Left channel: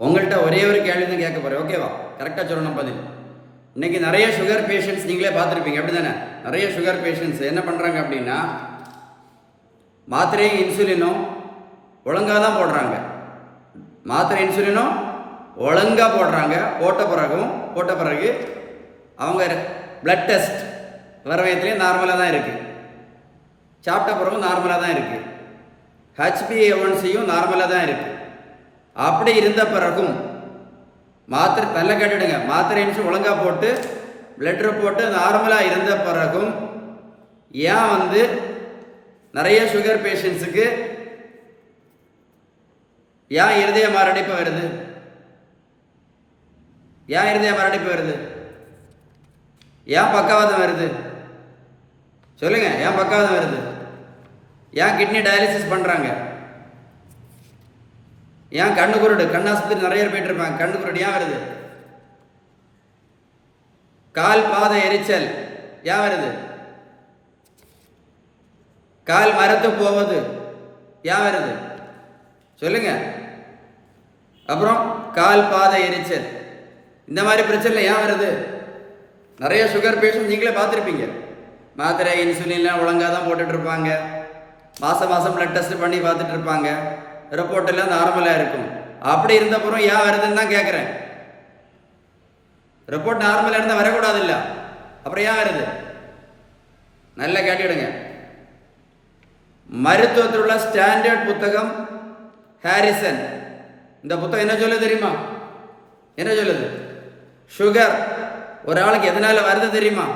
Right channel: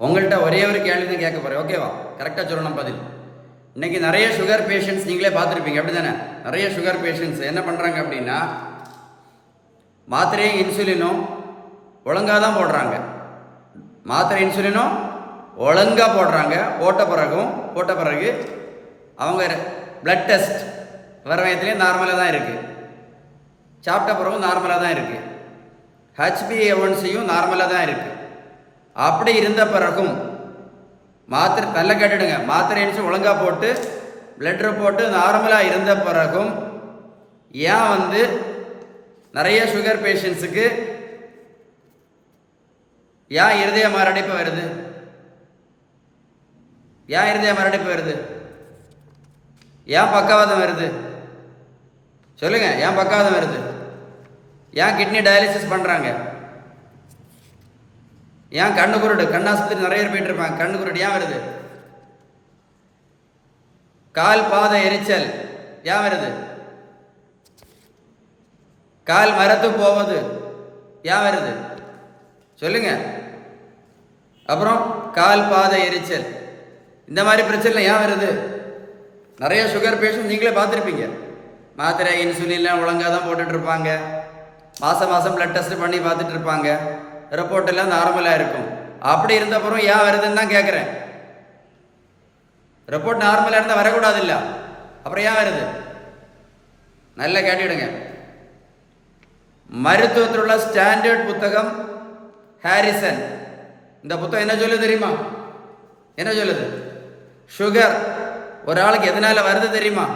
உங்கள்கிட்ட ஒரே ஒரு கேள்வி தான் கேட்க போகிறேன், ஓகேவா? கரெக்டாக சொல்லணும் பதில். இன்றைக்கி நிறைய சுகர் பேஷண்ட்ஸ் நீங்களே பார்த்துருப்பீங்க, அப்படி தானே? நிறைய சுகர் பேஷண்ட்ஸ் என்ன பண்ணுறாங்க அப்படின்னா, மாத்திரையும் இன்சுலினும் ஒழுங்காக தான் போடுறாங்க. மாத்திரை இன்சுலினும் ஒழுங்காக போடுறாங்க. போட்ட பிறகு அவங்க பிளட் டெஸ்ட் வர வயதுலேயே நார்மலாக தான் இருக்குது. சாப்பிட்ட பிறகும் நார்மலாக தான் இருக்குது. HbA1cயும் நார்மலாக தான் இருக்குது. அப்படி இருந்த பிறகும் மாத்திரை நல்ல கேட்டுடுங்க, மாத்திரை இன்சுலின் ஒழுங்காக போட்டு பிளட் ரிப்போர்ட்டு நார்மலாக இருந்த பிறகும் ஏன் நிறைய சுகர் பேஷண்ட்ஸுக்கு ஏன் இருதய மாரடைப்பு வருது? ஏன் இருதய மாரடைப்பு வருது? ஏன் பக்கவாதம் வருது? சொல்லுங்க, ஏன் பக்கவாதம் வருது? ஏன் கிட்னி டயாலிசிஸ் பண்ணுறாங்க? ஏன் கண்ணு குருடு? கண்ணாஸ்பத்திரி நிறைய பேர் போயிட்டு இருப்பாங்க. கண்ணு குருடு ஏன் வருது? கால் பாத எரிச்சல் ஏன் வருது? கால் மரத்து போவது ஏன் வருது? சொல்லுங்க. அப்புறம் கால் பாத எரிச்சல், இந்த மாதிரி பிரச்சனை ஏன் வருது? நிறைய சுகர் பேஷண்ட் நீங்களே பார்த்துருப்பீங்க. மாத்திரை இன்சுலின்லாம் ஒழுங்காக தான் போட்டுட்டு இருப்பாங்க. மாதம் பிளட் டெஸ்ட் பண்ணி பார்த்துட்டு இருப்பாங்க. ரிப்போர்ட் எல்லாம் நார்மலாக இருக்கும். அப்படி இருந்தப்புறம் ஏன் வருதுன்னு தான் கேட்குறேன். ரிப்போர்ட் நார்மலாக இருந்தால் வரக்கூடாது இல்லை, அப்புறம் ஏன் வருது? நல்லா கேட்டுடுங்க. மருத்துவத்தில் உள்ள ஸ்டாண்டர்ட் புத்தகம் ஹாரிசன், இந்த புத்தகம் என்ன சொல்லுது தெரியுமா? என்ன சொல்லுது? சுகர் ஒரு ஆளுக்கு எதனால வருது தெரியுமா?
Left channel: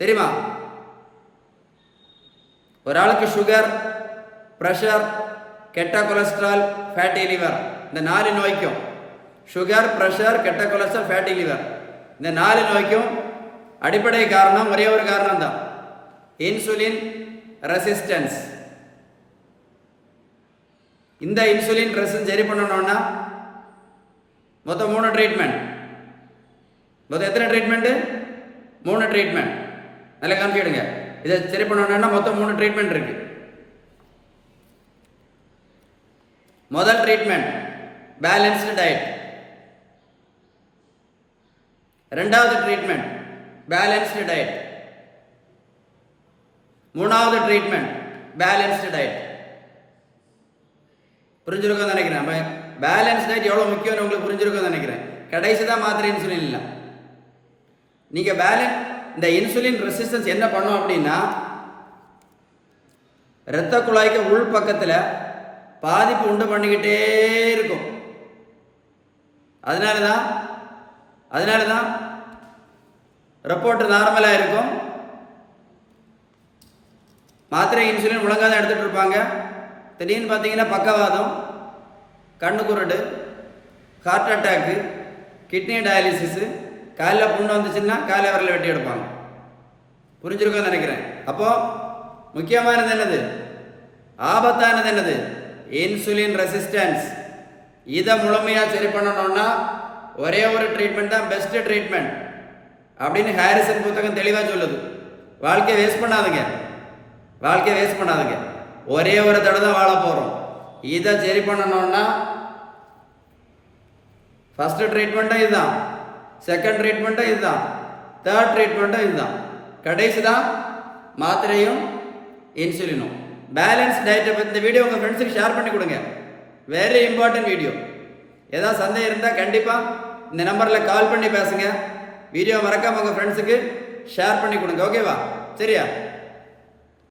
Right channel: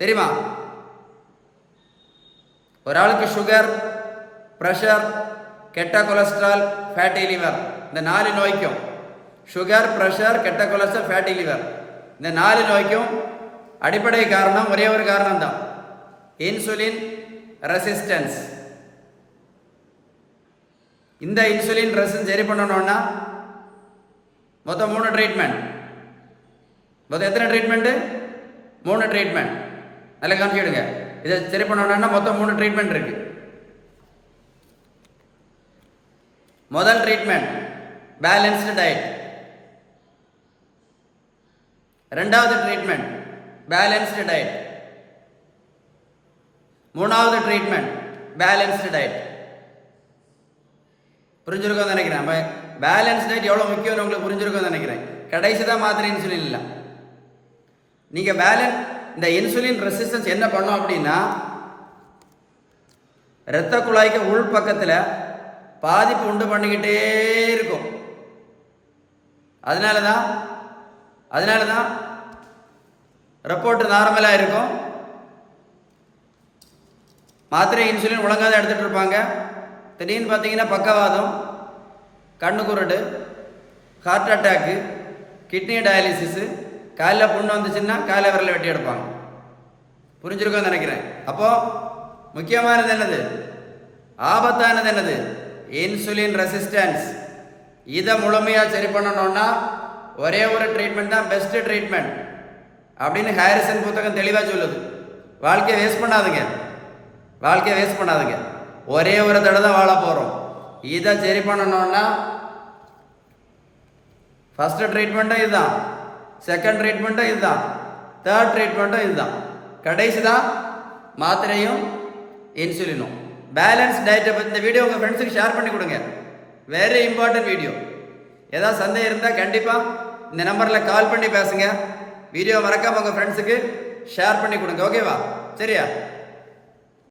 தெரியுமா? ஒரு ஆளுக்கு சுகர், ப்ரெஷர், கெட்ட கொலஸ்ட்ரால், ஃபேட்டி லிவர், இந்த 4 நோய்க்கும், சுகர், ப்ரெஷர், கெட்ட கொலஸ்ட்ரால், ஃபேட்டி லிவர், இந்த 4 நோய்க்கும் அடிப்படை காரணம் ஒரே ஒரு காரணம் தான், இன்சுலின் ரெசிஸ்டன்ஸ். இந்த இன்சுலின் ரெசிஸ்டன்ஸ் சரி பண்ணணும்னா மொத்தம் 3 ட்ரீட்மெண்ட். மொத்தம் எத்தனை ட்ரீட்மெண்ட்டு? 3 ட்ரீட்மெண்ட். நல்லா கவனிச்சுடுங்க. இதை சரி பண்ணணும்னா மொத்தம் 3 ட்ரீட்மெண்ட் இருக்கு. முதல் ட்ரீட்மெண்ட் பேலன்ஸ்டு டயட். ரெண்டாவது ட்ரீட்மெண்ட் பேலன்ஸ்டு டயட். மூணாவது ட்ரீட்மெண்ட் பேலன்ஸ்டு டயட். புரிஞ்சிருக்கோன்னு நினைக்கிறேன். பேலன்ஸ் டயட் எவ்வளோ முக்கியம்னு உங்களுக்கு புரிஞ்சிருக்கோன்னு நினைக்கிறேன். கடைசி தான் மாத்திரை இன்சுலின் இல்லை. நீங்கள் இந்த இன்சுலின் ரெசிஸ்டன்ஸ் என்ன பண்ணும் அப்படின்னா, இரத்த குழாய்க்கு உள் பக்கத்தில் பாதிப்பு உண்டு பண்ணிக்கிட்டே இருக்கும். அதனால தான் ரிப்போர்ட் நார்மலாக இருக்கும். மாத்திரை இன்சுலின் ஒழுங்காக தான் எடுத்துகிட்டு இருப்பாங்க. திடீர்னு பார்த்தீங்கன்னா பக்கவாதம், கண்ணு குருடு, ஹார்ட் அட்டாக்கு, கிட்னி டயாலிசிஸு, காலில் புண்ணு வந்துச்சுன்னா காலை விரலை வெட்டி எடுப்பாங்க. புரிஞ்சிருக்கோன்னு நினைக்கிறேன். அப்போது முக்கியமானது என்னது? ஆபத்தானது என்னது? Insulin resistance. இதை முழுமையாக சரி பண்ணணும்னா ஒரே ஒரு ட்ரீட்மெண்ட் தான் பெஸ்ட் ட்ரீட்மெண்ட் அப்படின்னு ஹாரிசன் புத்தகம் தெளிவாக சொல்லுது. வாழ்க்கையை வேஸ்ட் பண்ணாதுங்க. ஒரே ஒரு தடவை தான் வாழ போகிறோம். இதை சரி பண்ணணும்னா ஃபஸ்ட்டு ட்ரீட்மெண்ட்டும் இதுதான், செகண்ட் ட்ரீட்மெண்ட்டும் இதுதான், தேர்ட் ட்ரீட்மெண்ட்டும் இதுதான், கடைசி தான் மாத்திரையும் இன்சுலினும். பேலன்ஸ் டயட்டை பற்றி இந்த வீடியோ உங்கள் ஃப்ரெண்ட்ஸுக்கு ஷேர் பண்ணி கொடுங்க. Very important video. ஏதாவது சந்தேகம் இருந்தால் கண்டிப்பாக இந்த நம்பரில் கால் பண்ணி பேசுங்க. வீடியோ மறக்காமல் உங்கள் ஃப்ரெண்ட்ஸுக்கு ஷேர் பண்ணி கொடுங்க. ஓகேவா? சரியா?